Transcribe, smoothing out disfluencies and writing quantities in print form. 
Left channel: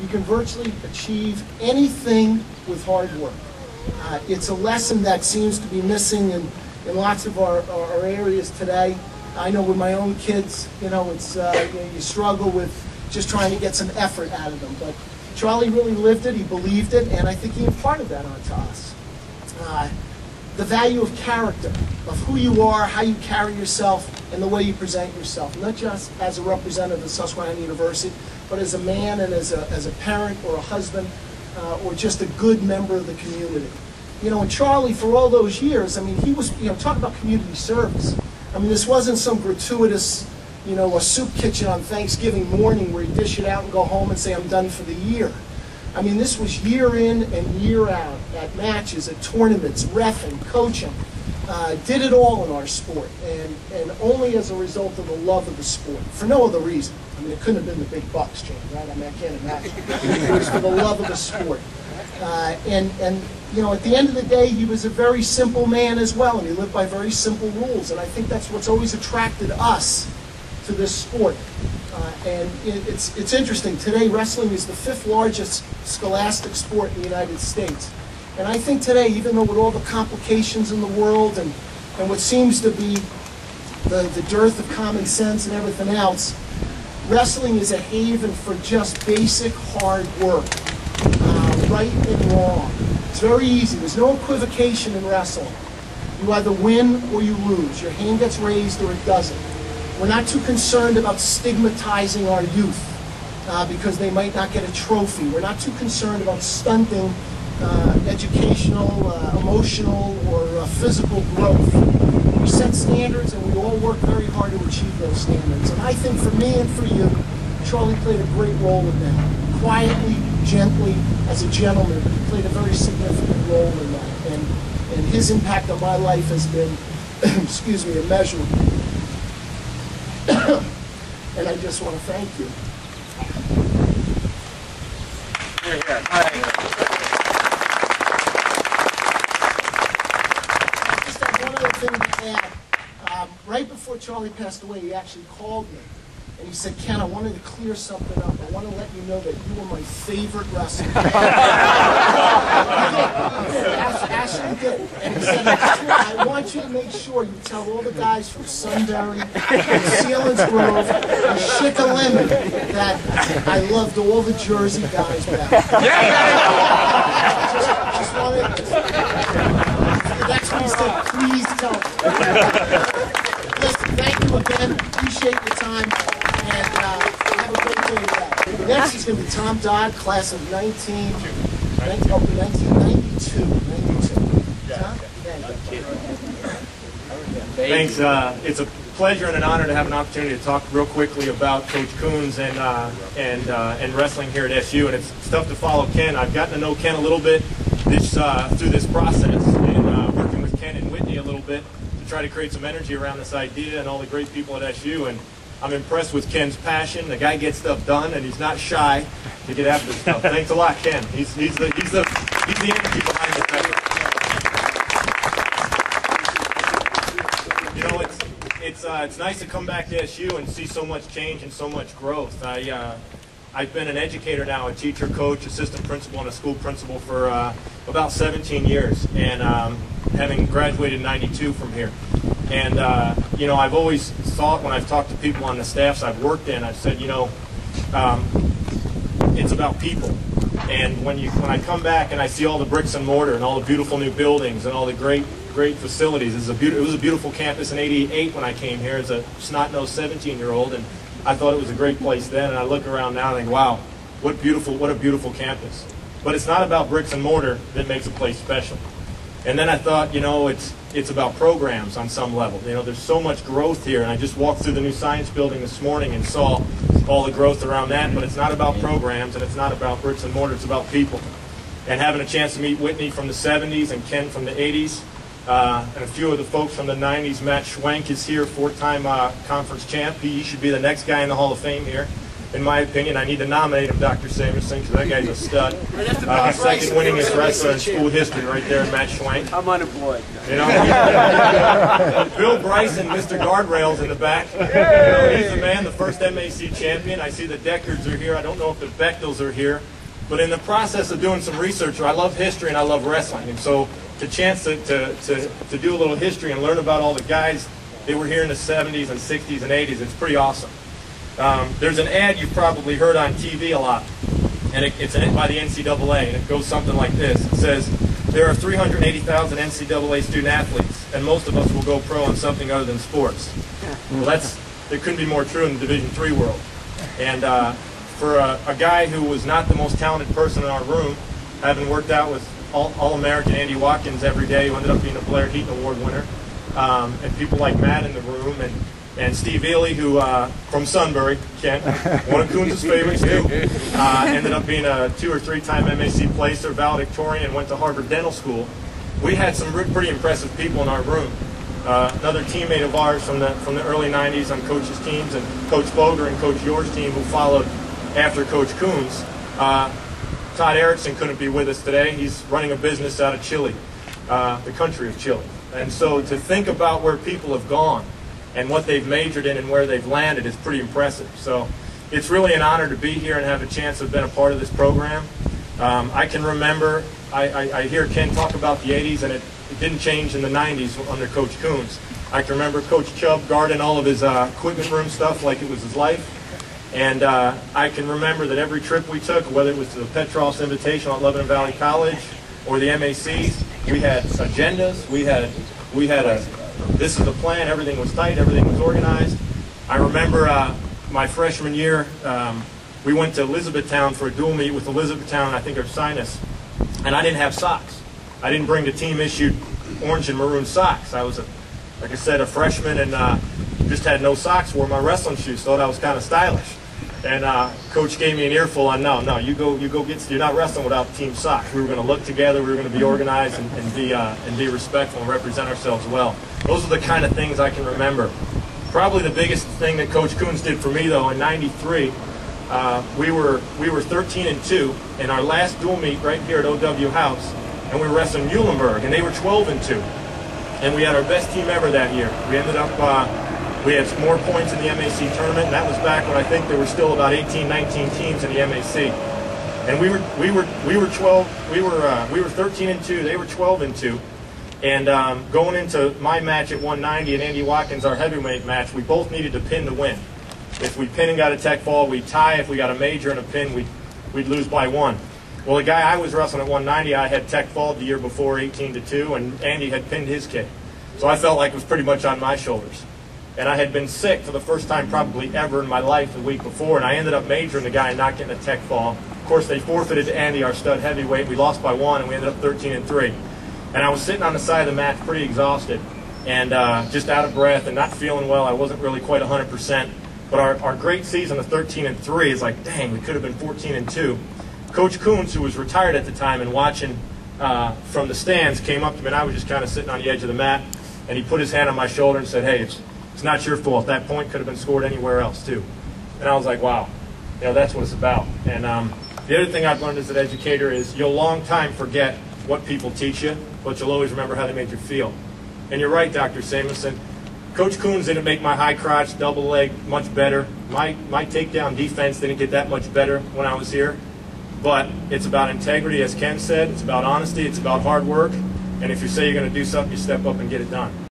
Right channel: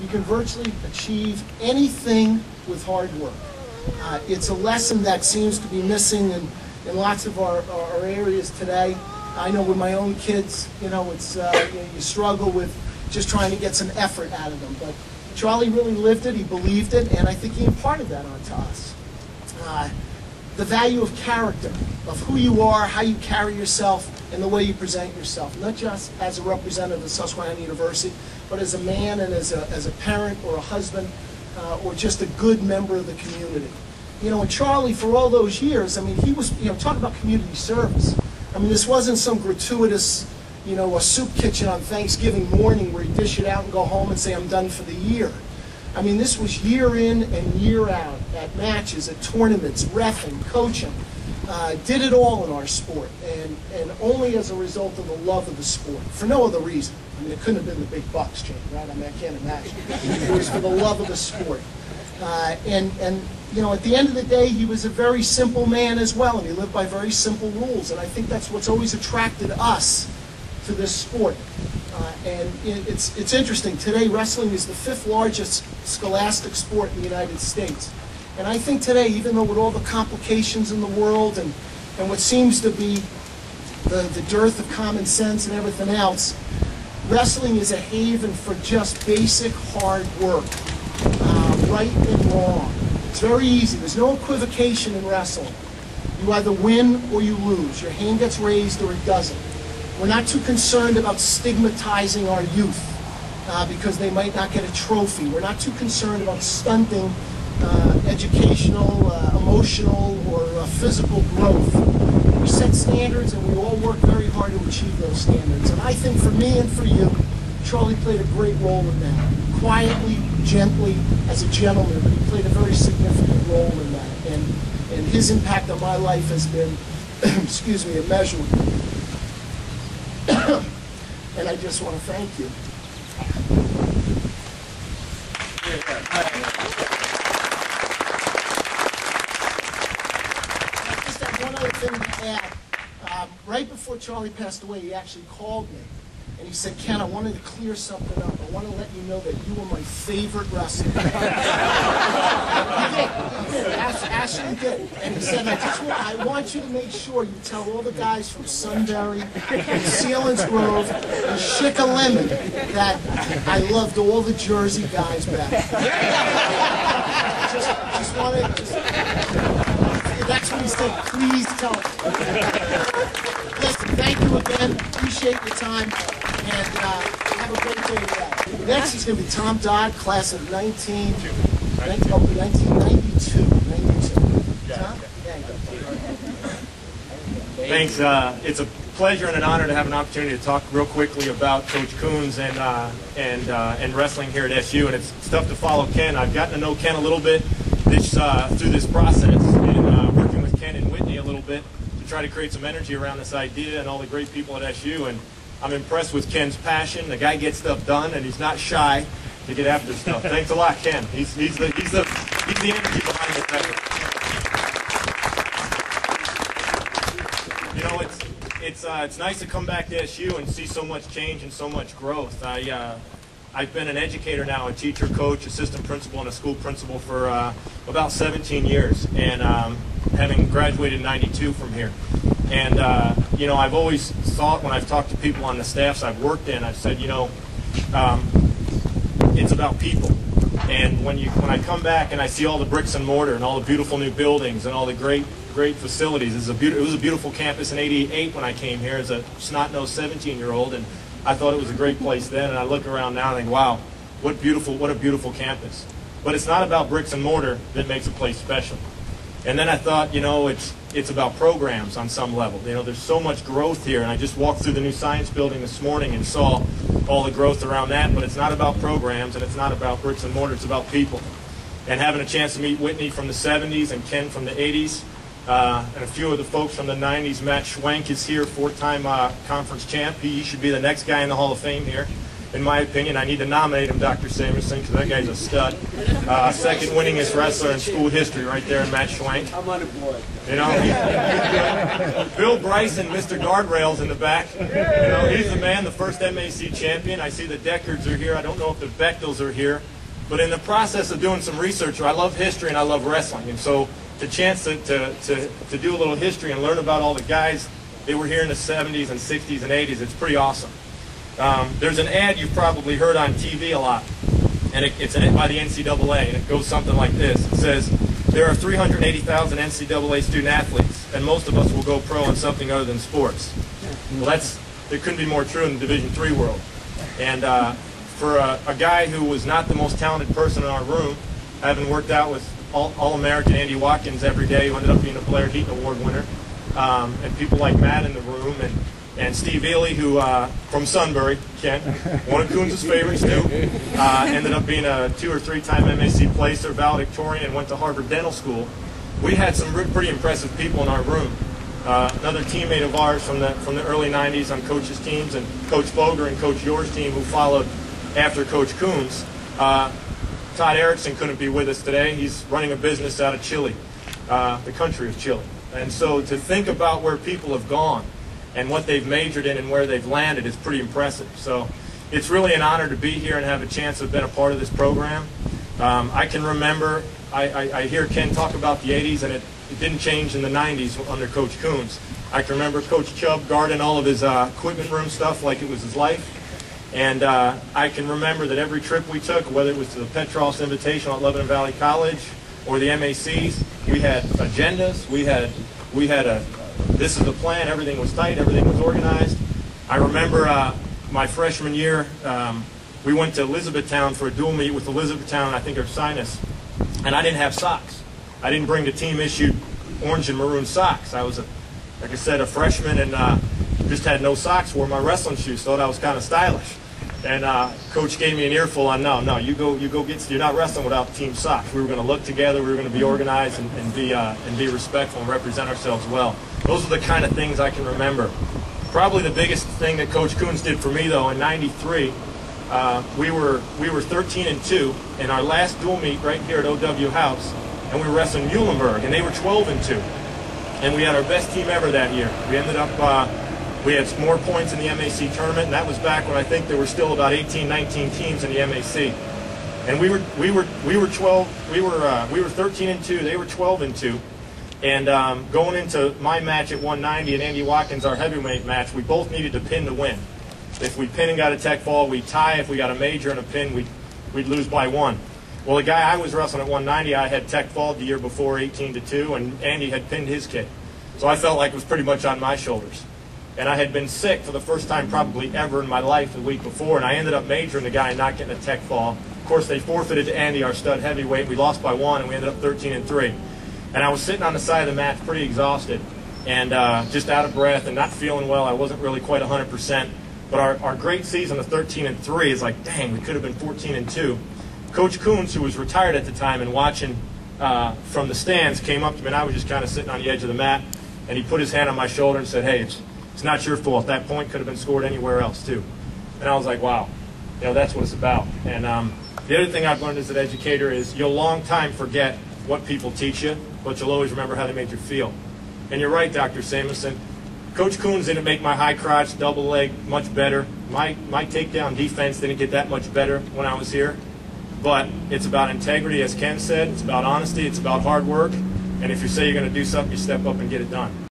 You can virtually achieve anything with hard work. It's a lesson that seems to be missing in lots of our areas today. I know with my own kids, it's you struggle with just trying to get some effort out of them. But Charlie really lived it, he believed it, and I think he imparted that onto us. The value of character, of who you are, how you carry yourself, and the way you present yourself, not just as a representative of Susquehanna University, but as a man and as a parent or a husband or just a good member of the community. And Charlie, for all those years, I mean, he was, talk about community service. I mean, this wasn't some gratuitous, a soup kitchen on Thanksgiving morning where you dish it out and go home and say, I'm done for the year. I mean, this was year in and year out, at matches, at tournaments, reffing, coaching. Did it all in our sport, and only as a result of the love of the sport, for no other reason. I mean, it couldn't have been the big bucks, Jane, right? I mean, I can't imagine. It was for the love of the sport. And at the end of the day, he was a very simple man as well, and he lived by very simple rules, and I think that's what's always attracted us to this sport. And it's interesting. Today, wrestling is the 5th largest scholastic sport in the United States. And I think today, even though with all the complications in the world and what seems to be the dearth of common sense and everything else, wrestling is a haven for just basic hard work, right and wrong. It's very easy. There's no equivocation in wrestling. You either win or you lose. Your hand gets raised or it doesn't. We're not too concerned about stigmatizing our youth because they might not get a trophy. We're not too concerned about stunting educational, emotional, or physical growth. We set standards and we all work very hard to achieve those standards. And I think for me and for you, Charlie played a great role in that. Quietly, gently, as a gentleman, but he played a very significant role in that. And his impact on my life has been, excuse me, immeasurable. And I just want to thank you. I just have one other thing to add. Right before Charlie passed away, he actually called me. And he said, Ken, I wanted to clear something up. I want to let you know that you were my favorite wrestler. He did. Ashley did. And he said, I want you to make sure you tell all the guys from Sunbury and Sealands Grove and Shikalimon that I loved all the Jersey guys back. Just wanted, that's what he said. Please tell them. Listen, thank you again. Appreciate your time. And have a great day today. Next is going to be Tom Dodd, class of 1992. 92. Tom? Thanks. It's a pleasure and an honor to have an opportunity to talk real quickly about Coach Kunes and wrestling here at SU. And it's tough to follow Ken. I've gotten to know Ken a little bit through this process and working with Ken and Whitney a little bit to try to create some energy around this idea and all the great people at SU. And I'm impressed with Ken's passion. The guy gets stuff done, and he's not shy to get after stuff. Thanks a lot, Ken. He's the energy behind this effort. It's nice to come back to SU and see so much change and so much growth. I've been an educator now, a teacher, coach, assistant principal, and a school principal for about 17 years, and having graduated in '92 from here. And, I've always thought when I've talked to people on the staffs I've worked in, I've said, it's about people. And when I come back and I see all the bricks and mortar and all the beautiful new buildings and all the great facilities, it was a beautiful campus in '88 when I came here as a snot-nosed 17-year-old, and I thought it was a great place then. And I look around now and think, wow, what a beautiful campus. But it's not about bricks and mortar that makes a place special. And then I thought, it's about programs on some level. There's so much growth here, and I just walked through the new science building this morning and saw all the growth around that, but it's not about programs, and it's not about bricks and mortar, it's about people. And having a chance to meet Whitney from the 70s and Ken from the 80s, and a few of the folks from the 90s. Matt Schwenk is here, 4-time conference champ. He should be the next guy in the Hall of Fame here. in my opinion. I need to nominate him, Dr. Samuelson, because that guy's a stud. Second winningest wrestler in school history right there in Matt Schwank. I'm unemployed. You know, Bill Bryson, Mr. Guardrails in the back. You know, he's the man, the first MAC champion. I see the Deckards are here. I don't know if the Bechtels are here. But in the process of doing some research, I love history and I love wrestling. And so the chance to do a little history and learn about all the guys that were here in the 70s and 60s and 80s, it's pretty awesome. There's an ad you've probably heard on TV a lot, and it's an ad by the NCAA, and it goes something like this. It says, there are 380,000 NCAA student athletes, and most of us will go pro in something other than sports. Well, it couldn't be more true in the Division III world. And for a guy who was not the most talented person in our room, having worked out with All-American Andy Watkins every day, who ended up being a Blair Heaton Award winner, and people like Matt in the room, and Steve Ely, who from Sunbury, Kent, one of Kunes' favorites too, ended up being a 2- or 3-time MAC placer, valedictorian, and went to Harvard Dental School. We had some pretty impressive people in our room. Another teammate of ours from the early 90s on Coach's teams, and Coach Boger and Coach Yor's team, who followed after Coach Kunes. Todd Erickson couldn't be with us today. He's running a business out of Chile, the country of Chile. And so to think about where people have gone and what they've majored in and where they've landed is pretty impressive. So it's really an honor to be here and have a chance to have been a part of this program. I can remember, I hear Ken talk about the 80s, and it didn't change in the 90s under Coach Kunes. I can remember Coach Chubb guarding all of his equipment room stuff like it was his life. And I can remember that every trip we took, whether it was to the Petros Invitational at Lebanon Valley College or the MACs, we had agendas, we had this is the plan, everything was tight, everything was organized. I remember my freshman year, we went to Elizabethtown for a dual meet with Elizabethtown, I think, or Sinus, and I didn't have socks. I didn't bring the team-issued orange and maroon socks. I was, like I said, a freshman, and just had no socks, wore my wrestling shoes, thought I was kind of stylish. And Coach gave me an earful on, no, you go get, you're not wrestling without team socks. We were going to look together, we were going to be organized and be respectful and represent ourselves well. Those are the kind of things I can remember. Probably the biggest thing that Coach Kunes did for me, though, in '93, we were 13-2 in our last dual meet right here at OW House, and we were wrestling Muhlenberg, and they were 12-2, and we had our best team ever that year. We ended up. We had more points in the MAC tournament, and that was back when I think there were still about 18, 19 teams in the MAC. And we were 13-2. They were 12-2. And going into my match at 190 and Andy Watkins, our heavyweight match, we both needed to pin to win. If we pin and got a tech fall, we'd tie. If we got a major and a pin, we'd lose by 1. Well, the guy I was wrestling at 190, I had tech fall the year before, 18-2, and Andy had pinned his kid. So I felt like it was pretty much on my shoulders. And I had been sick for the first time probably ever in my life the week before, and I ended up majoring the guy and not getting a tech fall. Of course, they forfeited to Andy, our stud heavyweight. We lost by 1, and we ended up 13-3. And I was sitting on the side of the mat pretty exhausted and just out of breath and not feeling well. I wasn't really quite 100%. But our great season of 13-3 is like, dang, we could have been 14-2. Coach Kunes, who was retired at the time and watching from the stands, came up to me, and I was just kind of sitting on the edge of the mat, and he put his hand on my shoulder and said, hey, it's not your fault. That point could have been scored anywhere else, too. And I was like, wow, you know, that's what it's about. And the other thing I've learned as an educator is you'll long time forget what people teach you, but you'll always remember how they made you feel. And you're right, Dr. Samuelson. Coach Kunes didn't make my high crotch, double leg much better. My takedown defense didn't get that much better when I was here. But it's about integrity, as Ken said. It's about honesty. It's about hard work. And if you say you're going to do something, you step up and get it done.